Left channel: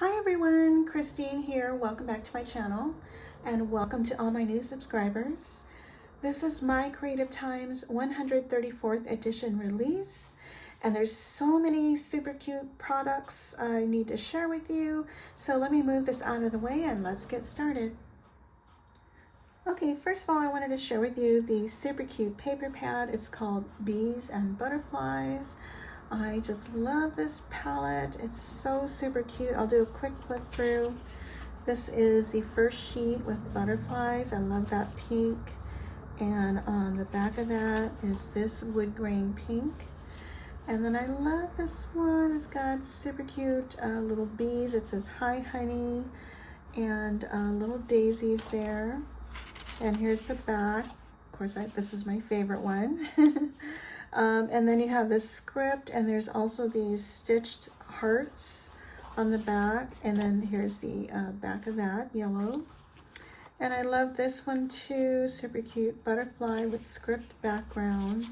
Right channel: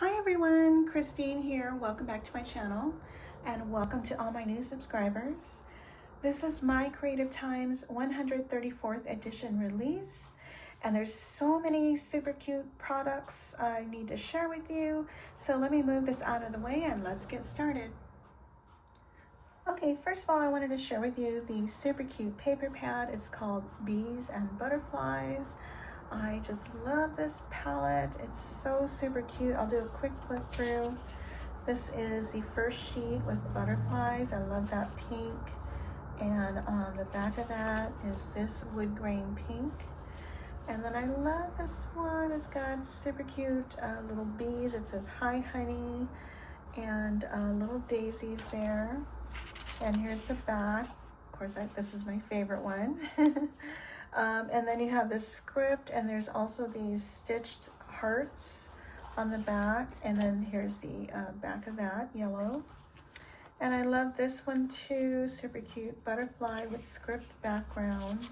Hi everyone, Christine here. Welcome back to my channel and welcome to all my new subscribers. This is my Creative Times 134th edition release, and there's so many super cute products I need to share with you. So let me move this out of the way and let's get started. Okay, first of all, I wanted to share with you the super cute paper pad. It's called Bees and Butterflies. I just love this palette. It's so super cute. I'll do a quick flip through. This is the first sheet with butterflies. I love that pink. And on the back of that is this wood grain pink. And then I love this one. It's got super cute little bees. It says hi honey, and little daisies there. And here's the back. Of course, this is my favorite one. And then you have this script, and there's also these stitched hearts on the back, and then here's the back of that, yellow. And I love this one too, super cute butterfly with script background.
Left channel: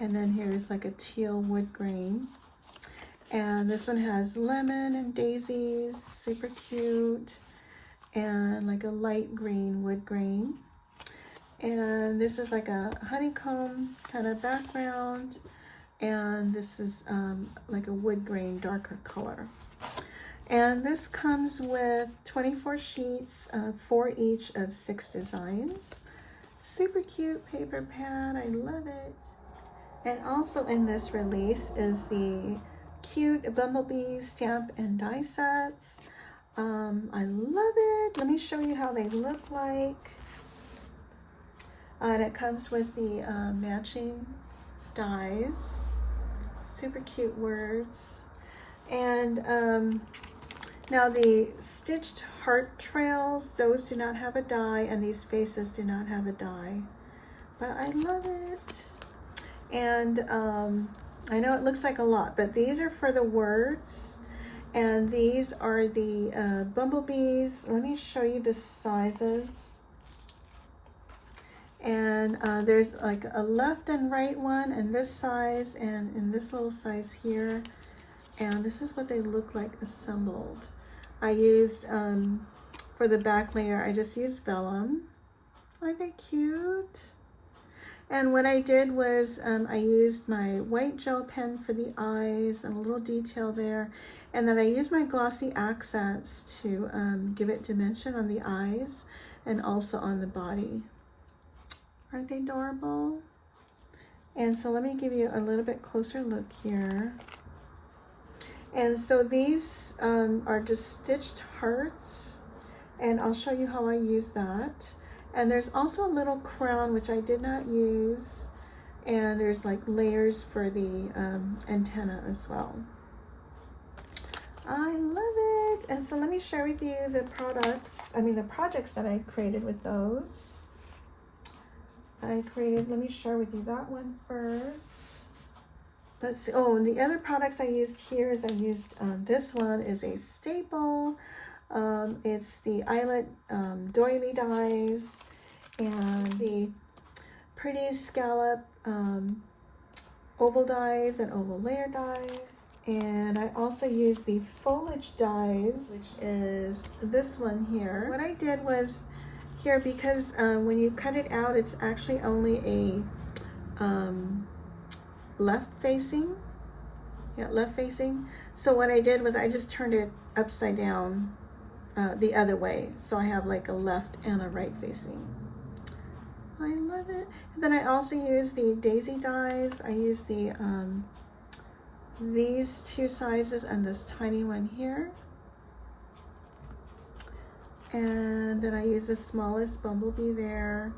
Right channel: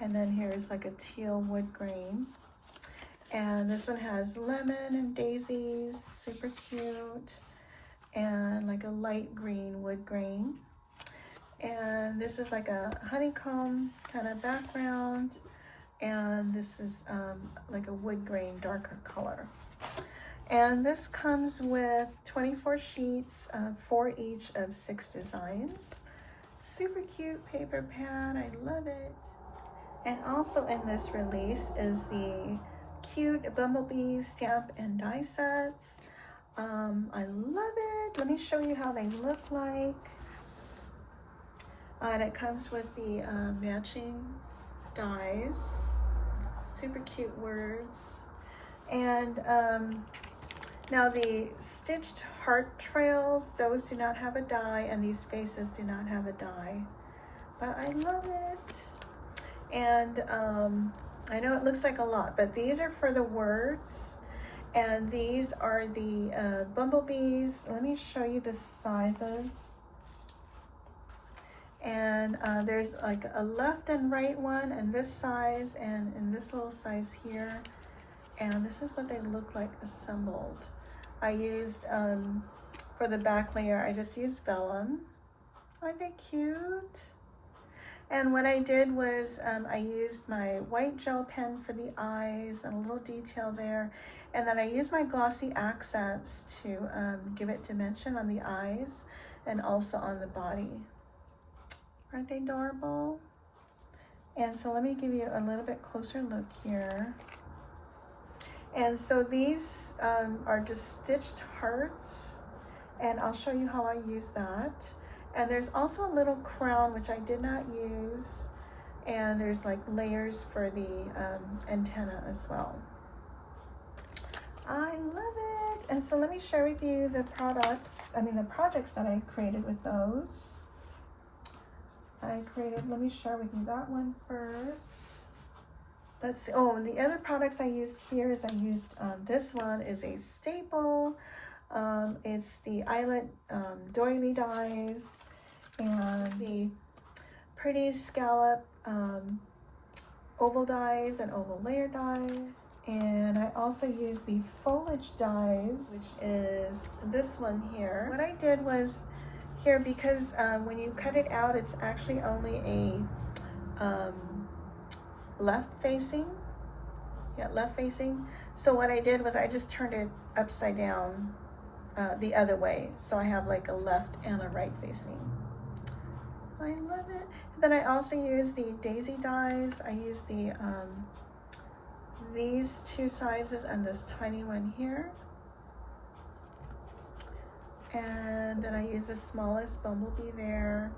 And then here's like a teal wood grain. And this one has lemon and daisies, super cute, and like a light green wood grain. And this is like a honeycomb kind of background, and this is like a wood grain darker color. And this comes with 24 sheets, 4 each of 6 designs. Super cute paper pad, I love it. And also in this release is the cute Bumble Bees stamp and die sets. I love it. Let me show you how they look like. And it comes with the matching dies, super cute words. And now the stitched heart trails, those do not have a die, and these faces do not have a die. But I love it. And I know it looks like a lot, but these are for the words. And these are the bumblebees. Let me show you the sizes. And there's like a left and right one in this size and in this little size here. And this is what they look like assembled. I used, for the back layer, I just used vellum. Aren't they cute? And what I did was I used my white gel pen for the eyes and a little detail there. And then I used my glossy accents to give it dimension on the eyes and also on the body. Aren't they adorable? And so let me give you a little bit closer look here. And so these are just stitched hearts, and I'll show you how I use that. And there's also a little crown, which I did not use, and there's like layers for the antenna as well. I love it. And so let me share with you the projects that I created with those. Let me share with you that one first. Let's see. Oh, and the other products I used here is this one is a staple. It's the Eyelet Doily dies and the pretty Scallop oval dies and oval layer dies. And I also used the Foliage Dies, which is this one here. What I did was here, because when you cut it out, it's actually only a left facing. So what I did was I just turned it upside down the other way. So I have like a left and a right facing. I love it. And then I also used the daisy dies. I used the these 2 sizes and this tiny one here. And then I use the smallest bumblebee there.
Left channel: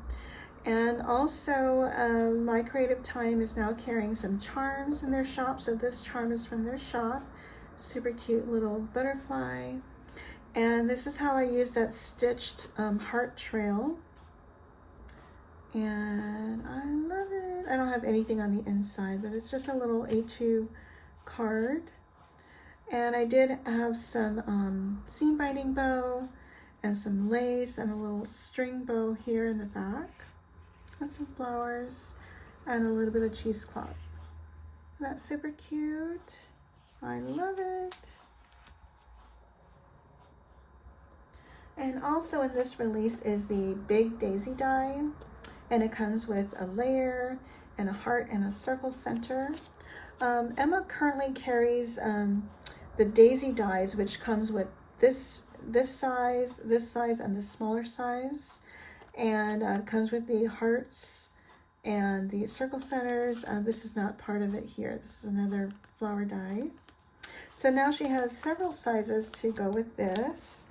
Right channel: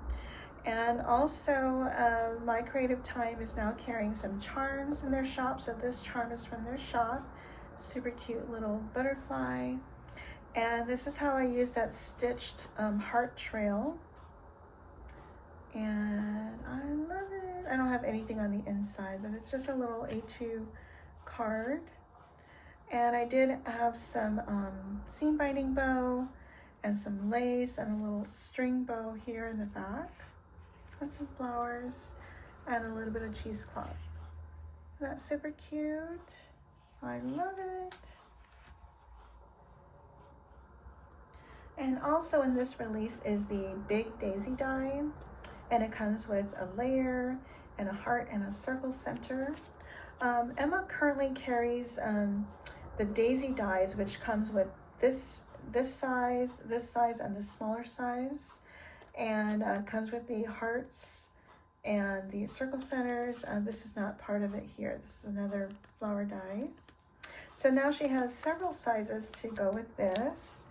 And also My Creative Time is now carrying some charms in their shop. So this charm is from their shop. Super cute little butterfly. And this is how I use that stitched heart trail. And I love it. I don't have anything on the inside, but it's just a little A2 card. And I did have some seam binding bow and some lace and a little string bow here in the back, and some flowers and a little bit of cheesecloth. That's super cute. I love it. And also in this release is the Big Daisy die, and it comes with a layer and a heart and a circle center. Emma currently carries the Daisy dies, which comes with this size, and the smaller size, and comes with the hearts and the circle centers. This is not part of it here. This is another flower die. So now she has several sizes to go with this.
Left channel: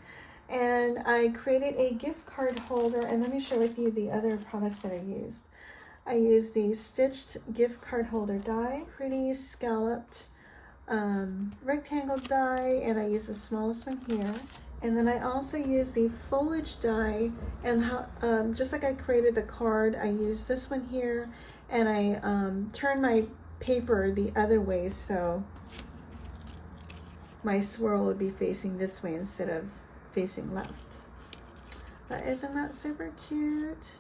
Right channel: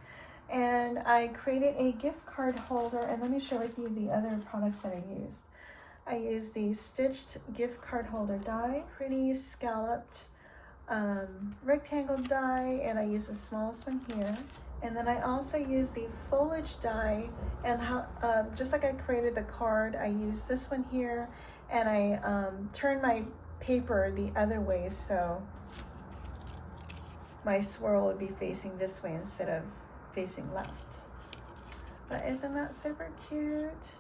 And I created a gift card holder, and let me share with you the other products that I used. I used the stitched gift card holder die, pretty scalloped rectangle die, and I used the smallest one here. And then I also used the foliage die, and just like I created the card, I used this one here, and I turned my paper the other way so my swirl would be facing this way instead of facing left. But isn't that super cute?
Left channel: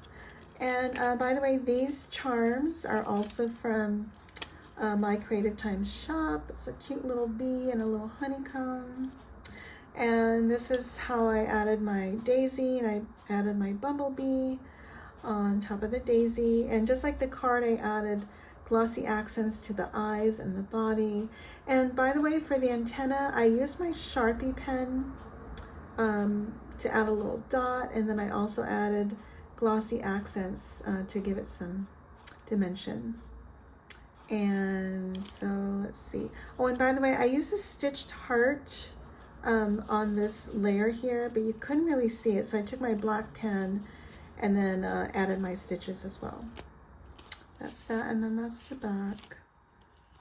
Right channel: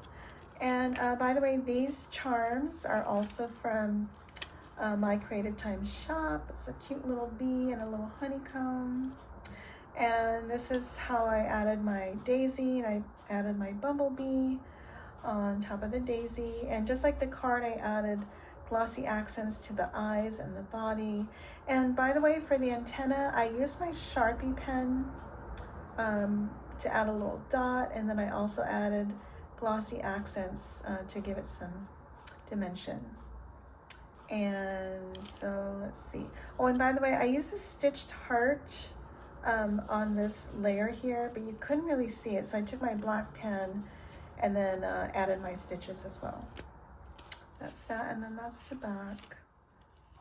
And by the way, these charms are also from my Creative Time shop. It's a cute little bee and a little honeycomb. And this is how I added my daisy, and I added my bumblebee on top of the daisy. And just like the card, I added glossy accents to the eyes and the body. And by the way, for the antenna, I used my Sharpie pen to add a little dot, and then I also added glossy accents to give it some dimension. And so let's see. Oh, and by the way, I used a stitched heart on this layer here, but you couldn't really see it, so I took my black pen and then added my stitches as well. That's that, and then that's the back.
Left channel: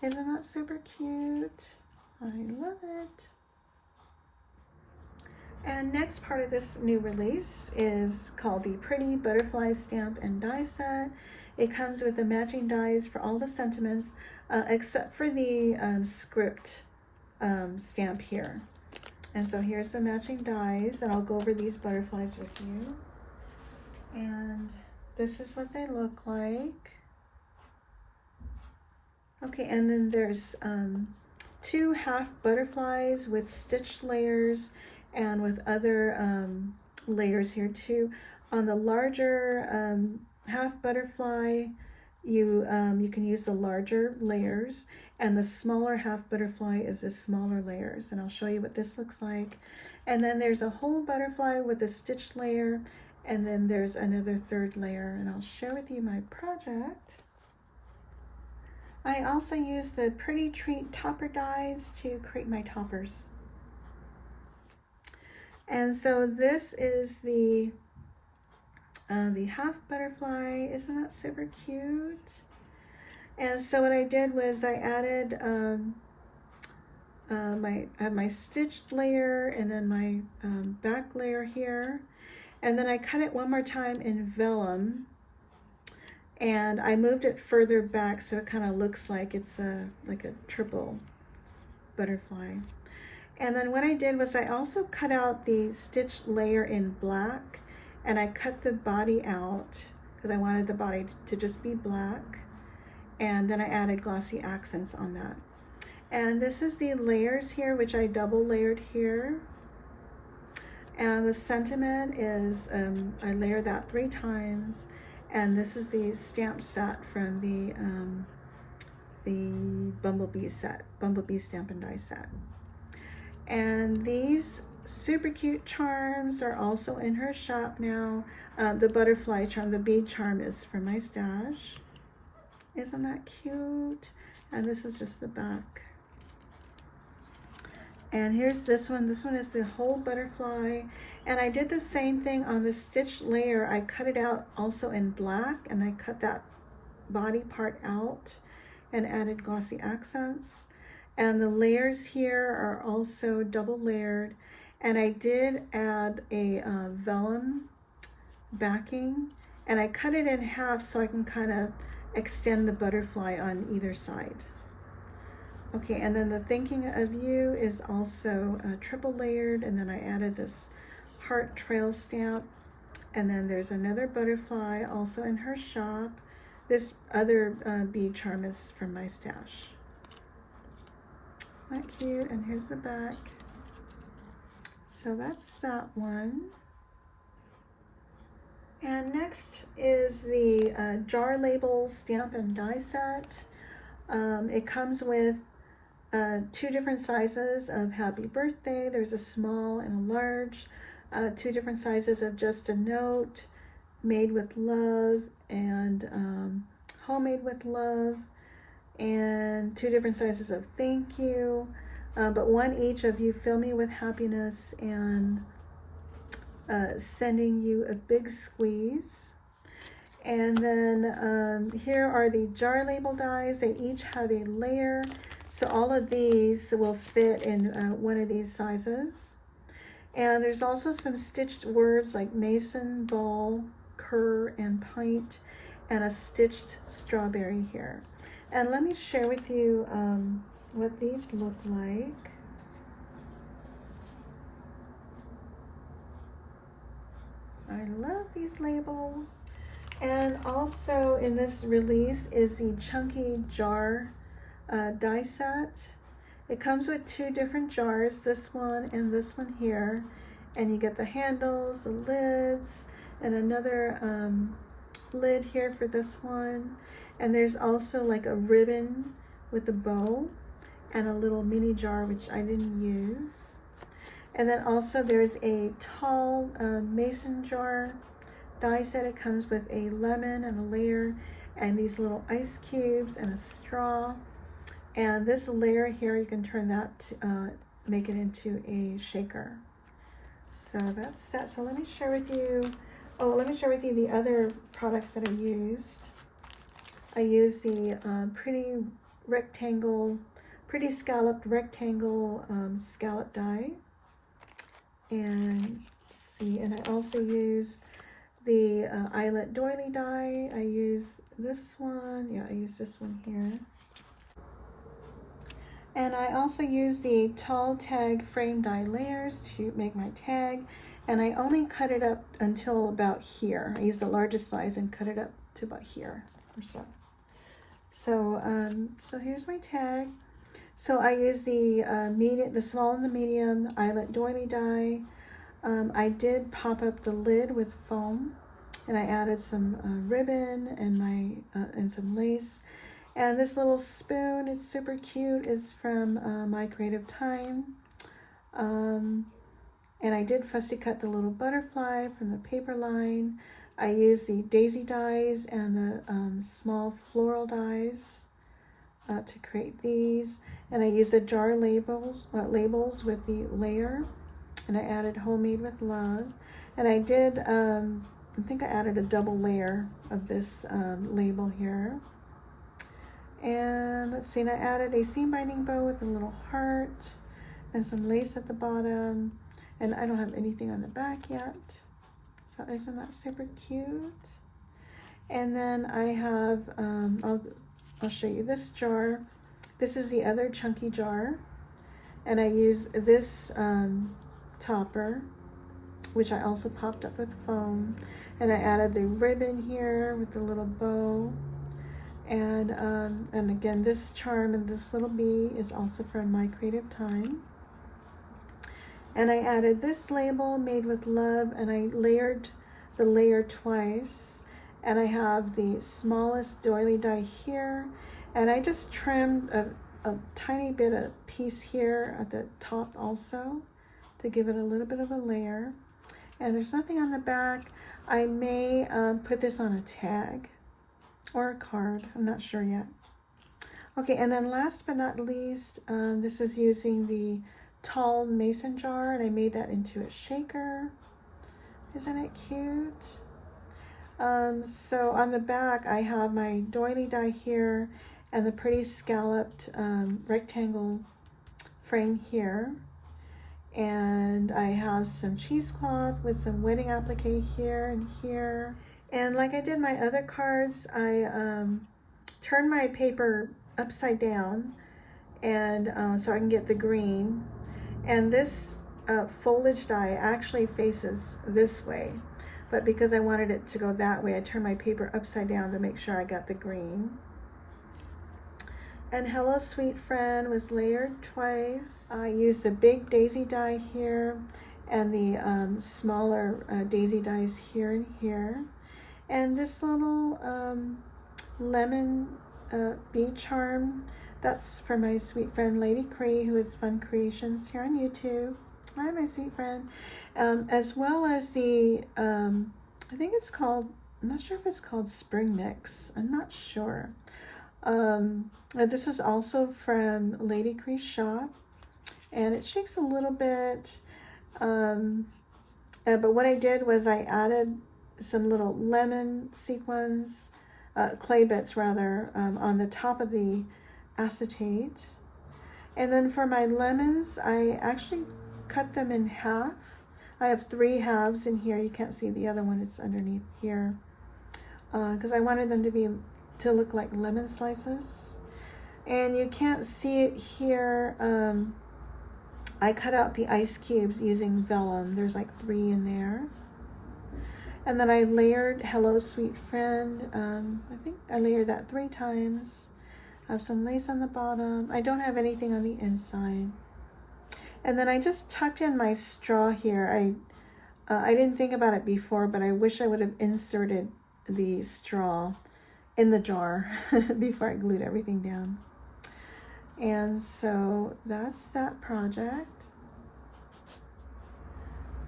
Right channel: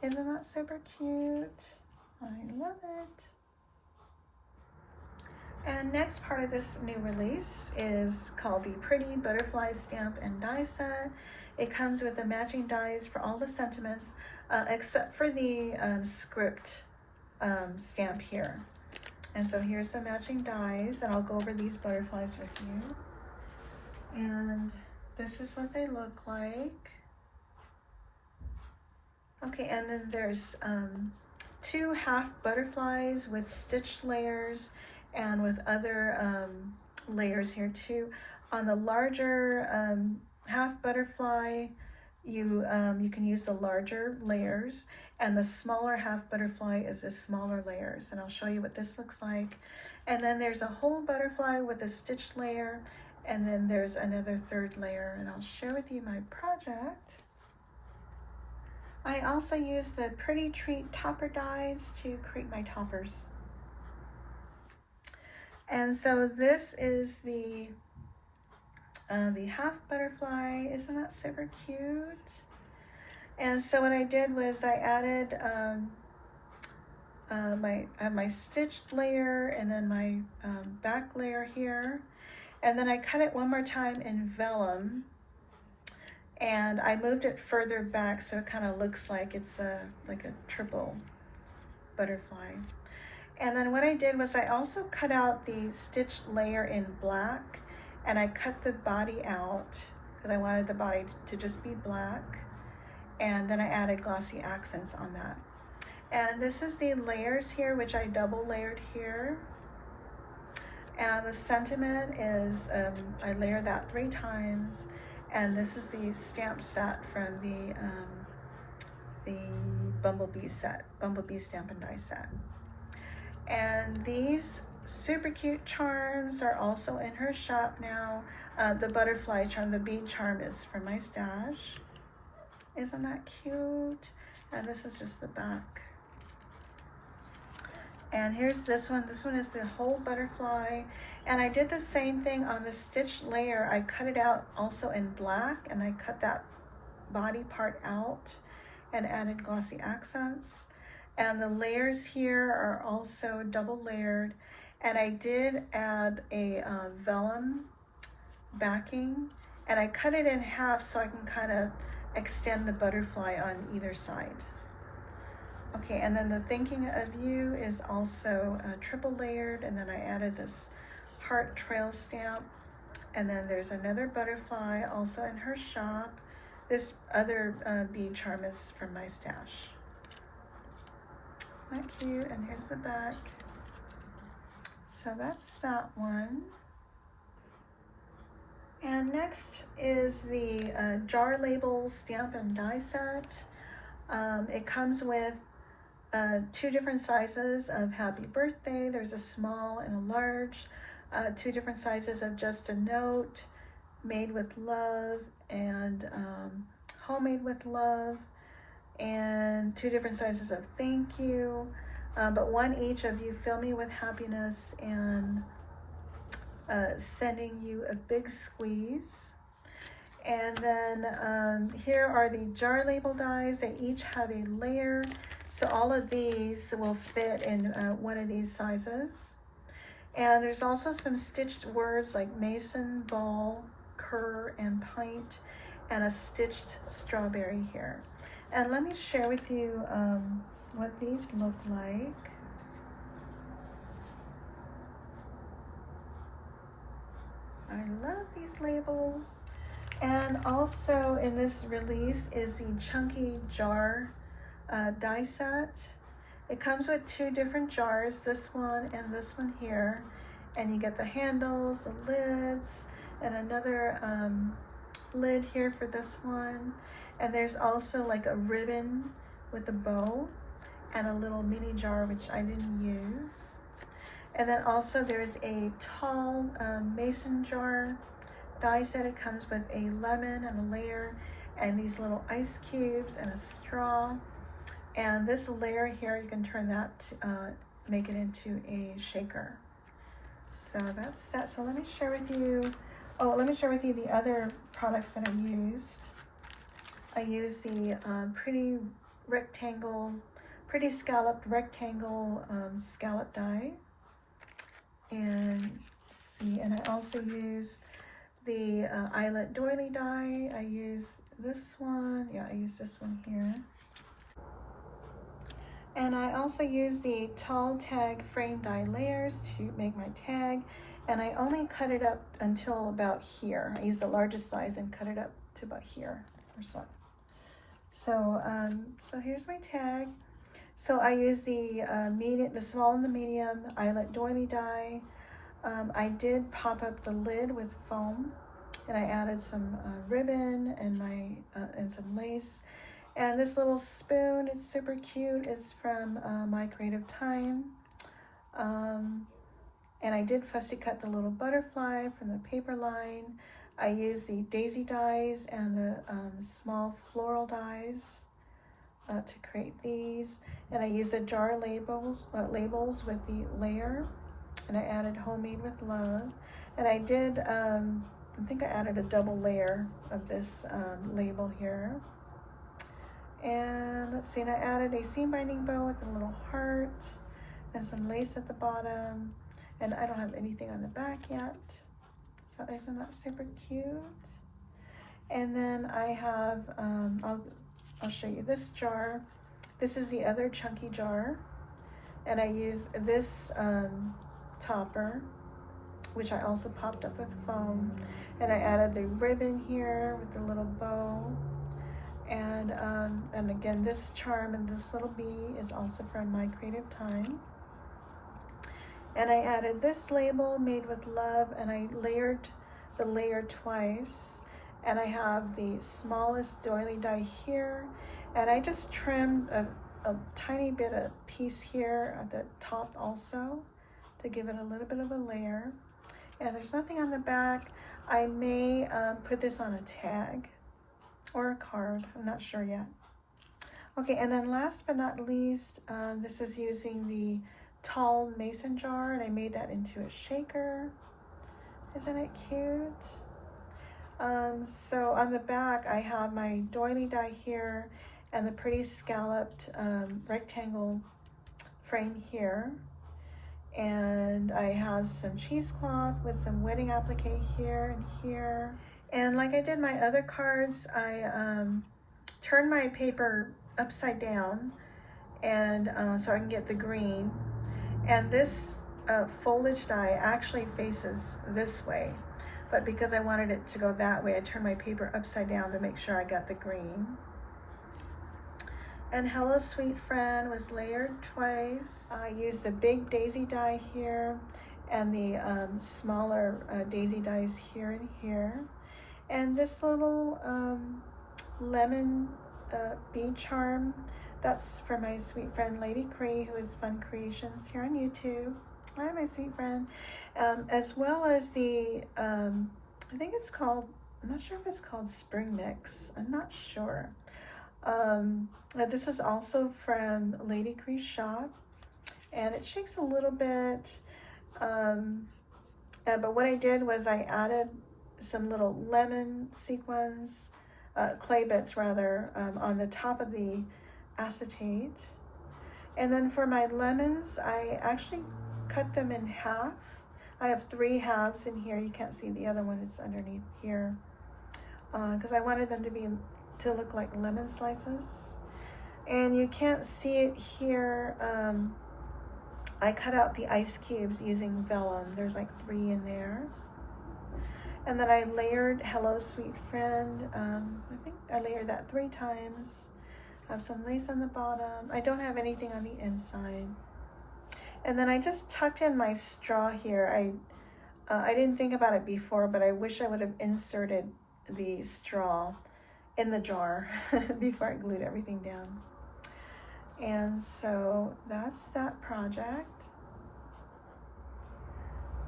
Isn't that super cute? I love it. And next part of this new release is called the Pretty Butterfly Stamp and Die Set. It comes with the matching dies for all the sentiments, except for the script stamp here. And so here's the matching dies, and I'll go over these butterflies with you. And this is what they look like. Okay, and then there's 2 half butterflies with stitched layers and with other layers here too. On the larger half butterfly, you can use the larger layers, and the smaller half butterfly is the smaller layers, and I'll show you what this looks like. And then there's a whole butterfly with a stitched layer, and then there's another 3rd layer, and I'll share with you my project. I also used the Pretty Treat topper dies to create my toppers. And so this is the half butterfly. Isn't that super cute? And so what I did was I added my stitched layer, and then my back layer here, and then I cut it one more time in vellum, and I moved it further back so it kind of looks like it's like a triple butterfly. And then what I did was I also cut out the stitched layer in black, and I cut the body out because I wanted the body to just be black. And then I added glossy accents on that. And this is the layers here, which I double layered here. And the sentiment is, I layered that 3 times. And this is the stamp set from the Bumblebee set, Bumblebee Stamp and Die set. And these super cute charms are also in her shop now. The butterfly charm, the bead charm, is from my stash. Isn't that cute? And this is just the back. And here's this one. This one is the whole butterfly. And I did the same thing on the stitched layer. I cut it out also in black, and I cut that body part out and added glossy accents. And the layers here are also double layered. And I did add a vellum backing, and I cut it in half so I can kind of extend the butterfly on either side. Okay, and then the Thinking of You is also triple layered, and then I added this heart trail stamp, and then there's another butterfly also in her shop. This other bead charm is from my stash. Isn't that cute? And here's the back. So that's that one. And next is the jar label stamp and die set. It comes with two different sizes of happy birthday. There's a small and a large. Two different sizes of just a note, made with love, and homemade with love, and two different sizes of thank you. But one each of you fill me with happiness and sending you a big squeeze. And then here are the jar label dies. They each have a layer. So all of these will fit in one of these sizes. And there's also some stitched words like mason, ball, cur, and pint, and a stitched strawberry here. And let me share with you what these look like. I love these labels. And also in this release is the chunky jar die set. It comes with two different jars, this one and this one here. And you get the handles, the lids, and another lid here for this one. And there's also like a ribbon with a bow and a little mini jar, which I didn't use. And then also there's a tall mason jar die set. It comes with a lemon and a layer and these little ice cubes and a straw. And this layer here, you can turn that to make it into a shaker. So that's that. So let me share with you, the other products that I used. I used the pretty scalloped rectangle scallop die. And let's see, and I also used the Eyelet Doily die. I used this one. Yeah, I used this one here. And I also use the tall tag frame die layers to make my tag. And I only cut it up until about here. I used the largest size and cut it up to about here or so. So here's my tag. So I use the small and the medium Eyelet Doily die. I did pop up the lid with foam, and I added some ribbon and some lace. And this little spoon, it's super cute, is from My Creative Time. And I did fussy cut the little butterfly from the paper line. I used the daisy dies and the small floral dies to create these. And I used the jar labels with the layer. And I added homemade with love. And I did, I think I added a double layer of this label here. And let's see, and I added a seam binding bow with a little heart and some lace at the bottom. And I don't have anything on the back yet. So isn't that super cute? And then I have, I'll show you this jar. This is the other chunky jar. And I use this topper, which I also popped up with foam. And I added the ribbon here with the little bow. And again, this charm and this little bee is also from My Creative Time. And I added this label, made with love, and I layered the layer twice. And I have the smallest doily die here. And I just trimmed a tiny bit of piece here at the top also to give it a little bit of a layer. And there's nothing on the back. I may put this on a tag or a card, I'm not sure yet. Okay, and then last but not least, this is using the tall mason jar, and I made that into a shaker. Isn't it cute? So on the back, I have my doily die here and the pretty scalloped rectangle frame here. And I have some cheesecloth with some wedding applique here and here. And like I did my other cards, I turned my paper upside down and so I can get the green. And this foliage die actually faces this way, but because I wanted it to go that way, I turned my paper upside down to make sure I got the green. And Hello Sweet Friend was layered twice. I used the big daisy die here and the smaller daisy dies here and here. And this little lemon bead charm, that's for my sweet friend Lady Kre, who is Fun Creations here on YouTube. Hi, my sweet friend. As well as the, I think it's called, I'm not sure if it's called Spring Mix. I'm not sure. This is also from Lady Kre's shop, and it shakes a little bit. But what I did was I added some little lemon sequins, clay bits rather, on the top of the acetate. And then for my lemons, I actually cut them in half. I have 3 halves in here. You can't see the other one, it's underneath here. Because I wanted them to look like lemon slices. And you can't see it here. I cut out the ice cubes using vellum. There's like 3 in there. And then I layered Hello Sweet Friend. I think I layered that 3 times. I have some lace on the bottom. I don't have anything on the inside. And then I just tucked in my straw here. I didn't think about it before, but I wish I would have inserted the straw in the jar before I glued everything down. And so that's that project.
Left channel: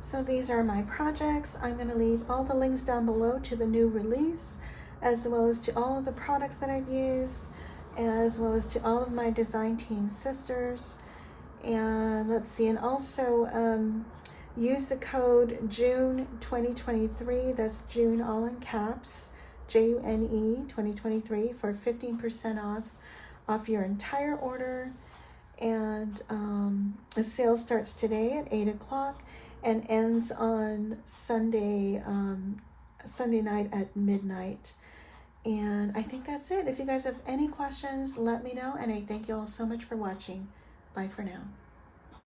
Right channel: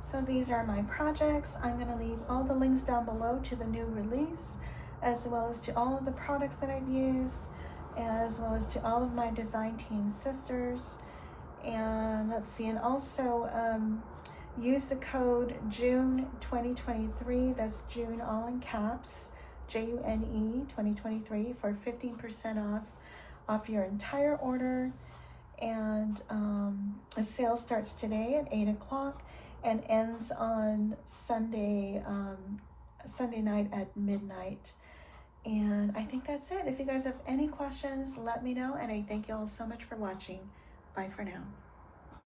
So these are my projects. I'm going to leave all the links down below to the new release, as well as to all of the products that I've used, as well as to all of my design team sisters. And let's see, and also use the code June 2023. That's June all in caps, JUNE 2023 for 15% off your entire order. And the sale starts today at 8 o'clock and ends on Sunday night at midnight. And I think that's it. If you guys have any questions, let me know. And I thank you all so much for watching. Bye for now.